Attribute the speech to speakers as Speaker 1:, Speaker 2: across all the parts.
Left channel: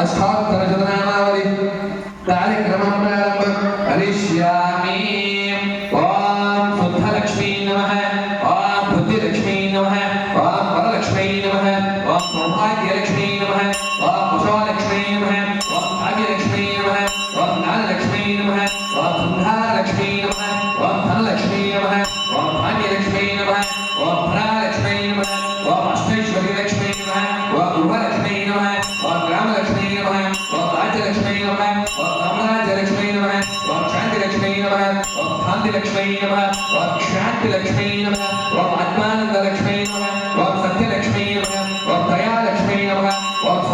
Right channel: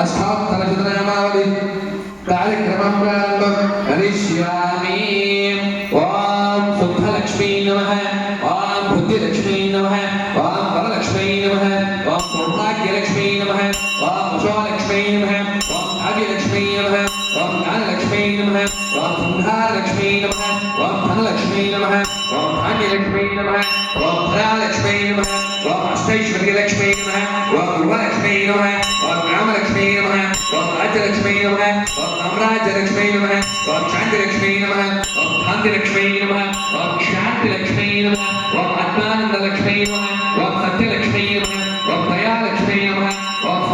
Speaker 1: అష్టాక్షరశతనామావళి కార్యక్రమం ప్రారంభం కరిష్యామి ఓం శుద్ధలక్ష్మీ నమ ఓం హృద్యలక్ష్మీ నమ ఓం వరలక్ష్మీ నమ ఓం సౌభాగ్యలక్ష్మీ నమ ఓం కుశోలక్ష్మీ నమ ఓం భాగ్యలక్ష్మీ నమ ఓం జ్ఞానలక్ష్మీ నమ ఓం సంహారలక్ష్మీ నమ ఓం ధనలక్ష్మీ నమ ఓం భాగ్యలక్ష్మీ నమ ఓం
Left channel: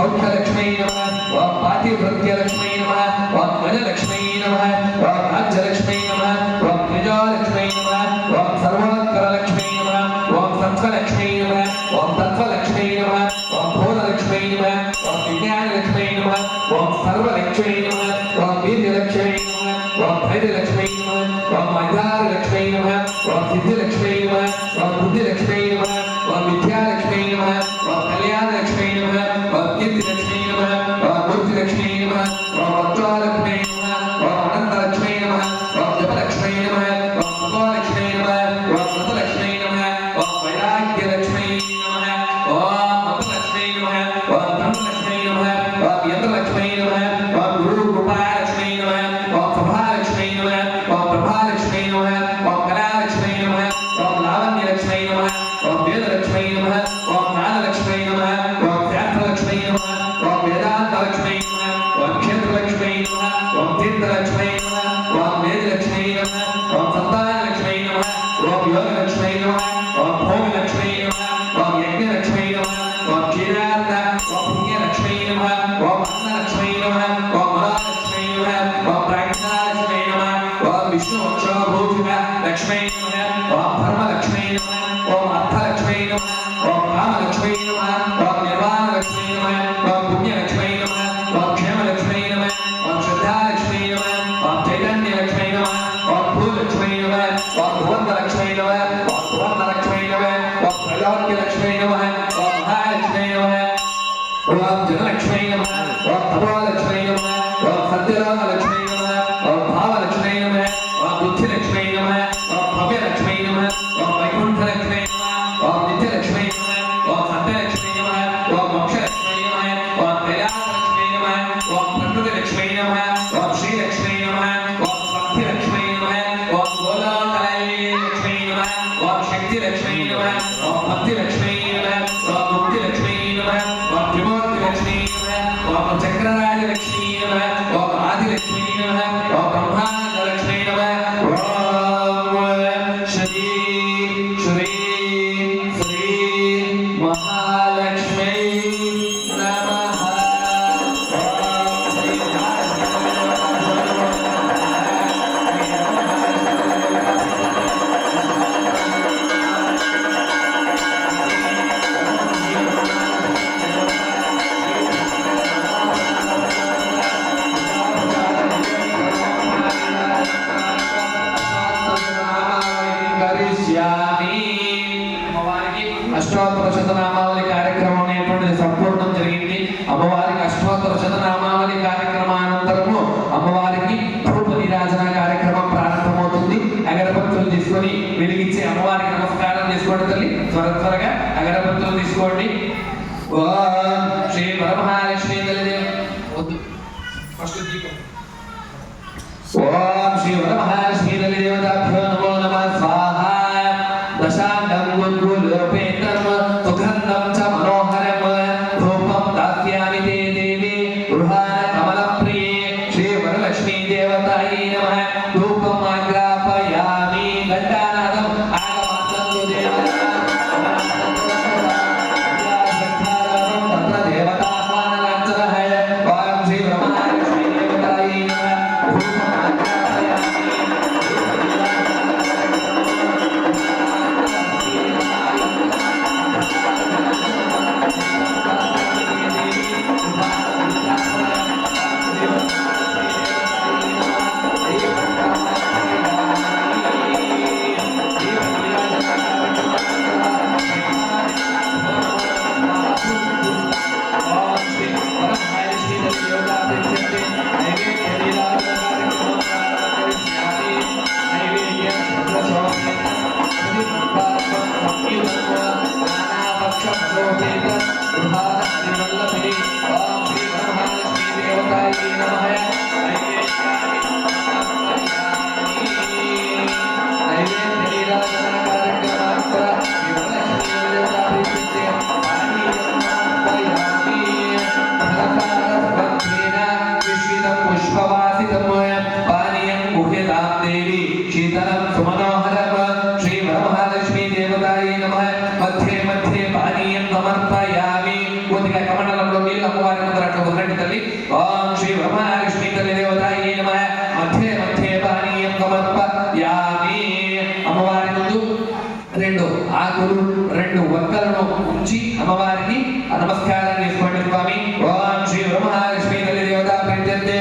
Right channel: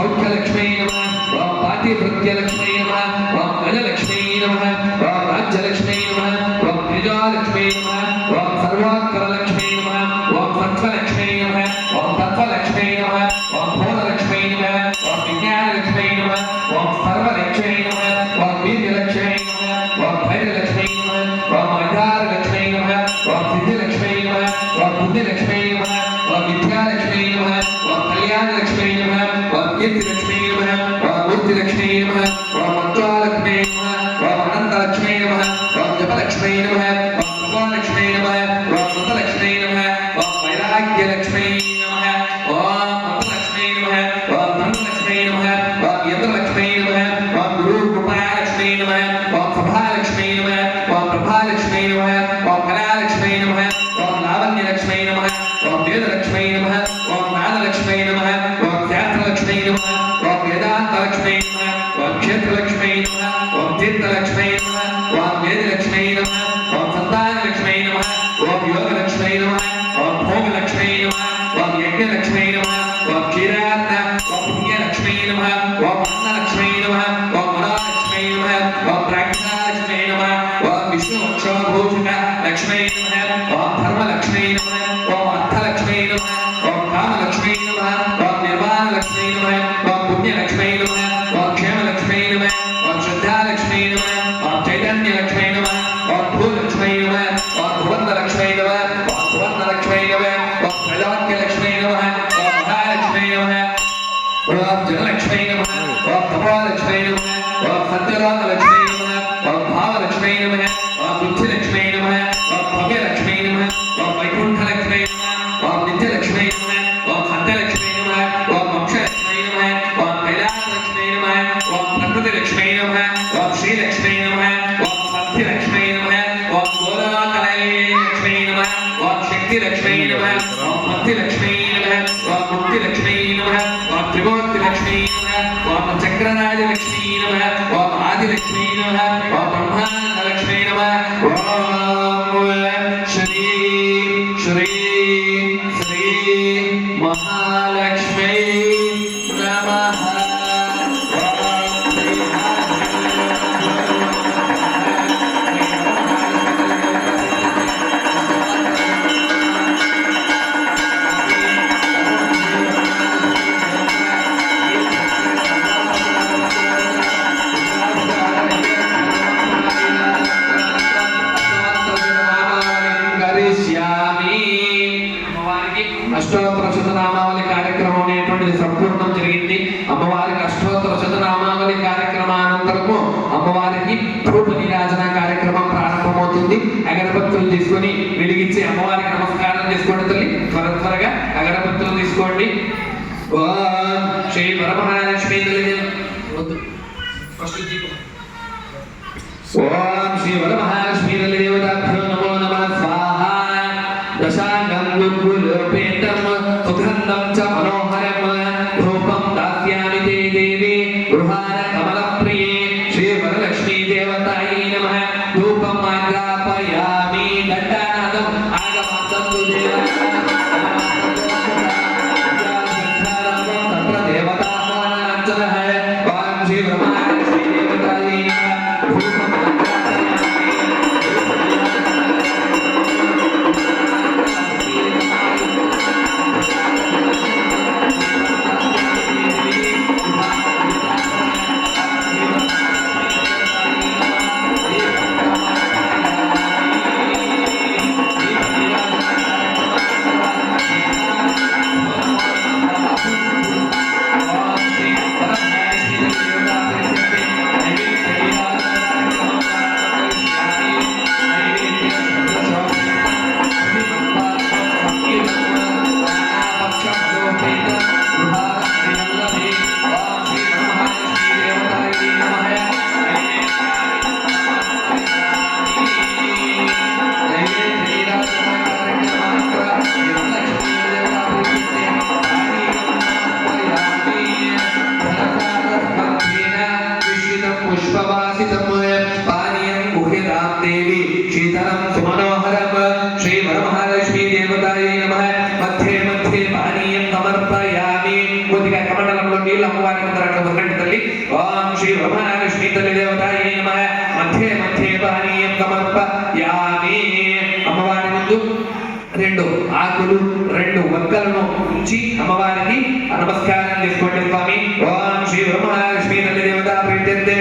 Speaker 1: सौख्यलक्ष्मी नमः ओम पातिवृत्यलक्ष्मी नमः ओम गजलक्ष्मी नमः ओम राज्यलक्ष्मी नमः ओम निजालक्ष्मी नमः ओम सर्वोत्तरलक्ष्मी नमः ओम सत्वलक्ष्मी नमः ओम तत्वलक्ष्मी नमः ओम भूतलक्ष्मी नमः ओम विज्ञानलक्ष्मी नमः ओम सर्वलक्ष्मी नमः ओम बीजलक्ष्मी नमः ओम धैर्यलक्ष्मी नमः ओम अजारलक्ष्मी नमः ओम सिद्धिलक्ष्मी नमः ओम बुद्धिलक्ष्मी Tatum. అష్టోత్తర శతనామావళి కార్యక్రమం అనేటువంటిది సంపూర్ణం జరిగింది. అమ్మవారికి అష్టోత్తర శతనామావళి కార్యక్రమానంతరము అమ్మవారికి ధూప నీరాజన కార్యక్రమం ప్రారంభమవుతుంది. అగరబత్తులు తీసుకొని వెలిగించి అమ్మవారికి నమస్కారం చేసుకోండి తల్లి. త్వర త్వరగా అగరబత్తులు తీసుకోండి. శ్రీ వరమహాలక్ష్మి తల్లి ఫస్ట్ దీపం. ఓం శ్రీ వరమహాలక్ష్మి తల్లి దేవత దేవి సీతరం సుమనోహరం శ్రీ వరమహాలక్ష్మీ దేవతాయ నమ మధ్యే మధ్యే పానీయం సమర్పయామి కొద్దిగా కమండలంలో నీళ్ళు అమ్మవారికి ముందర ఉండండి తల్లి. ఓం శ్రీ వరమహాలక్ష్మీ తల్లి దేవతాయ నమ. మధ్యే మధ్యే పానీయం సమర్పయామి. అమ్మవారి ముందు రెండు ఆకులు రెండు వక్కలను ఉంచి అమ్మవారికి నమస్కారం చేసుకోండి స్వామి. ఓం శ్రీ వరమహాలక్ష్మీ తల్లి దేవత ప్రత్యర్థే.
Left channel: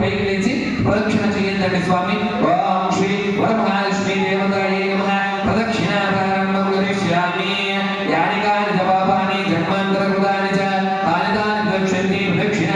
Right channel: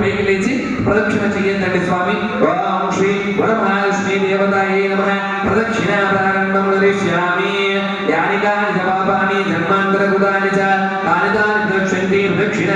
Speaker 1: పైకి లేచి ప్రదక్షిణ చేయండి స్వామి. ఓం శ్రీ వరమహాలక్ష్మీ దేవతాయే నమ. ప్రదక్షిణ ప్రారంభం కరిష్యామి యాని కాని పాపాని జన్మాంతర కృతాని చ తాని తాని ద్రక్ష్యంతి ప్రదక్షిణ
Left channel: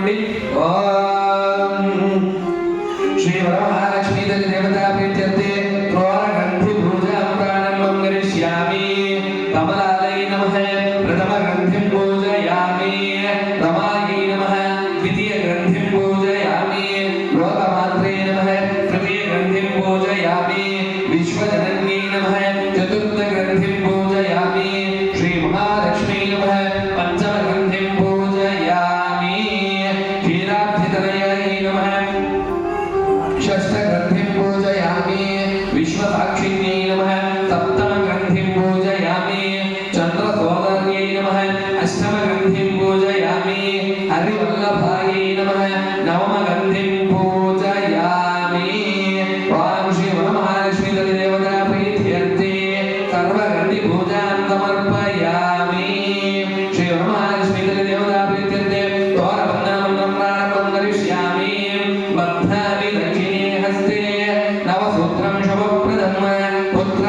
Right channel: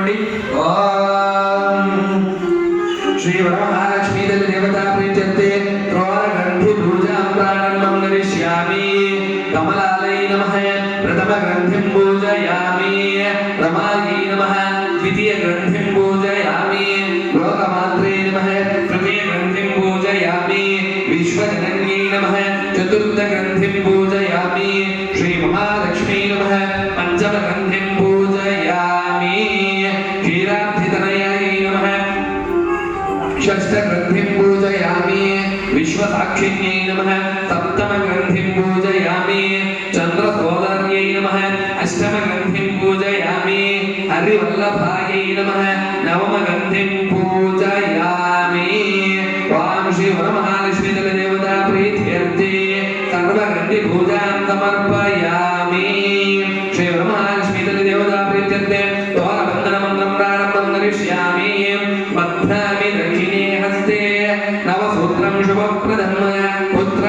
Speaker 1: నమస్కారం తీసుకోండి హరివల్లభాయై నమః నవమగ్రంథిం పూజయామి వాం శ్రీ వరమహాలక్ష్మీ తల్లి దేవతా ప్రీత్యర్థే సర్వగంధి పూజాం సమర్పయామి శ్రీ వరమహాలక్ష్మీ తల్లి దేవతా ప్రీత్యర్థే దోరబంధన మంత్రం ప్రారంభం కరిష్యామి బధ్నామి దక్షిణే హస్తే నవసూత్రం శుభప్రదం పుత్ర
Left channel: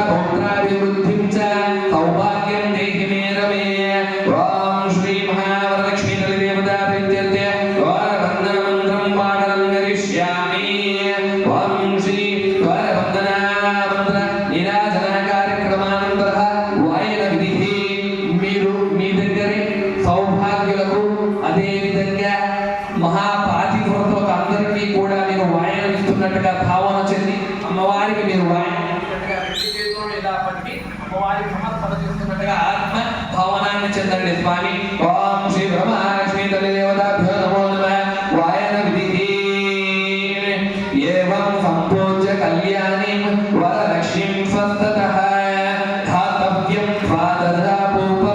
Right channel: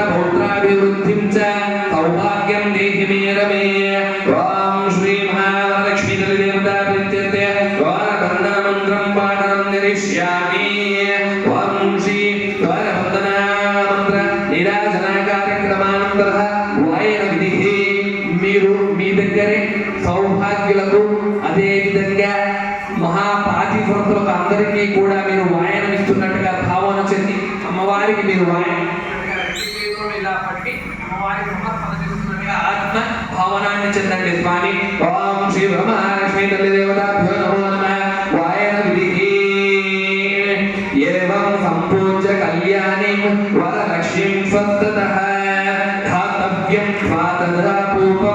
Speaker 1: వాయనం ఇస్తున్నట్టుగా భావన చెంది అమ్మవారికి మీరు వాయనం ఇస్తున్నట్టుగా రెండు చేతులను ఇలా పట్టి అమ్మవారికి సమర్పణ చేస్తున్నట్టుగా ఆత్మ భావనాన్ని చెందండి స్వామి ఓం శ్రీ బ్రహ్మలక్ష్మీ తల్లి దేవతాభ్యో నమో నమః వాయన విధి ఏవం సంపూజ్య కళ్యాణిం వరలక్ష్మీం స్వస్తతః ధాతవ్యం ద్వాదశా పూర్వం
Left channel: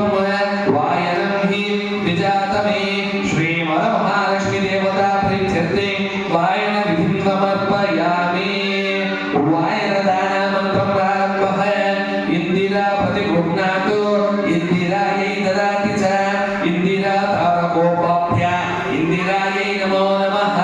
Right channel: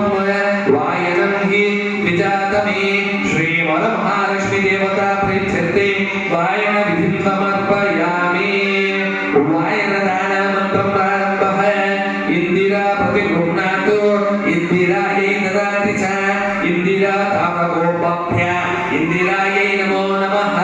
Speaker 1: తారకోపభ్య ఇందిరాయై నమో నమః.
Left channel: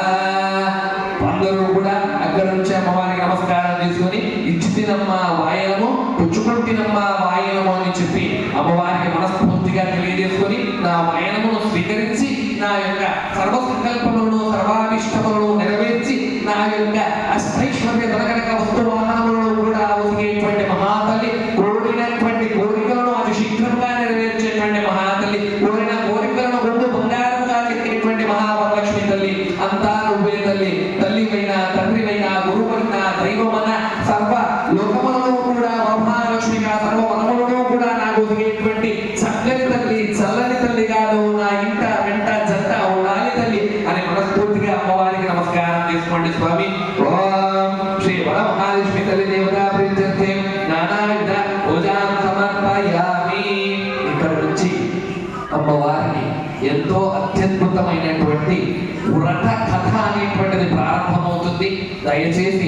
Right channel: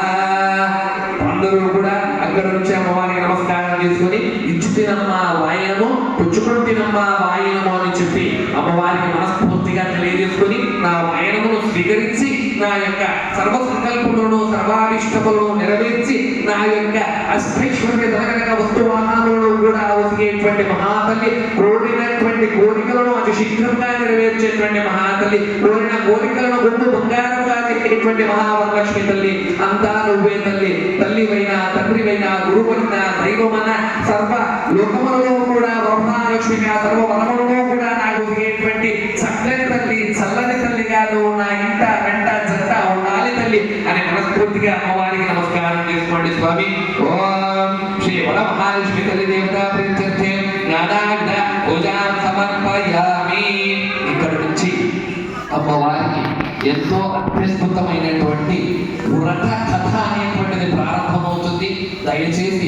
Speaker 1: అందరూ కూడా అక్కడ నుంచి అమ్మవారికి నమస్కారం చేసుకొని ఇచ్చితినమ్మా వాయనము పుచ్చుకుంటినమ్మా వాయనము అని చెప్పి అమ్మవారికి మనస్ఫూర్తిగా తెలియజేసుకొని నా వాయనమును స్వీకరించి నా యొక్క సర్వ సంకల్పములను సర్వాభిష్టములను నెరవేర్చి నా యొక్క అష్టైశ్వర్య ధనకనక వస్తువాహనములను కూడా ఒదిగేటువంటి మహాతల్లి కోరినటువంటి కోరికలను అతి శీఘ్రంగా నెరవేర్చేటువంటి మహాతల్లి కోరిన కోరికలను ముందు బంగారముగా మహావరలక్ష్మి తల్లి అంతా నువ్వే తల్లి తల్లివైనా తండ్రివైనా గురువైనా దైవమన సర్వ లోకములలో కూడా బ్రహ్మలక్ష్మిగా సర్వ వనములలో కూడా నాకు ఒదిగేటువంటి చక్కని తల్లి చల్లని తల్లిగా నువ్వు నా ఇంట వెంట జంట ఉండాలి తల్లి అని మనస్ఫూర్తిగా అమ్మవారికి నమస్కారం చేసుకోండి స్వామి. ఓం శ్రీ వర మహాలక్ష్మి తల్లి దేవతా ఎంతో అత్యద్భుతమైనటువంటి వ్రత కథ అనేటువంటిది ప్రారంభమవుతుంది. దయచేసి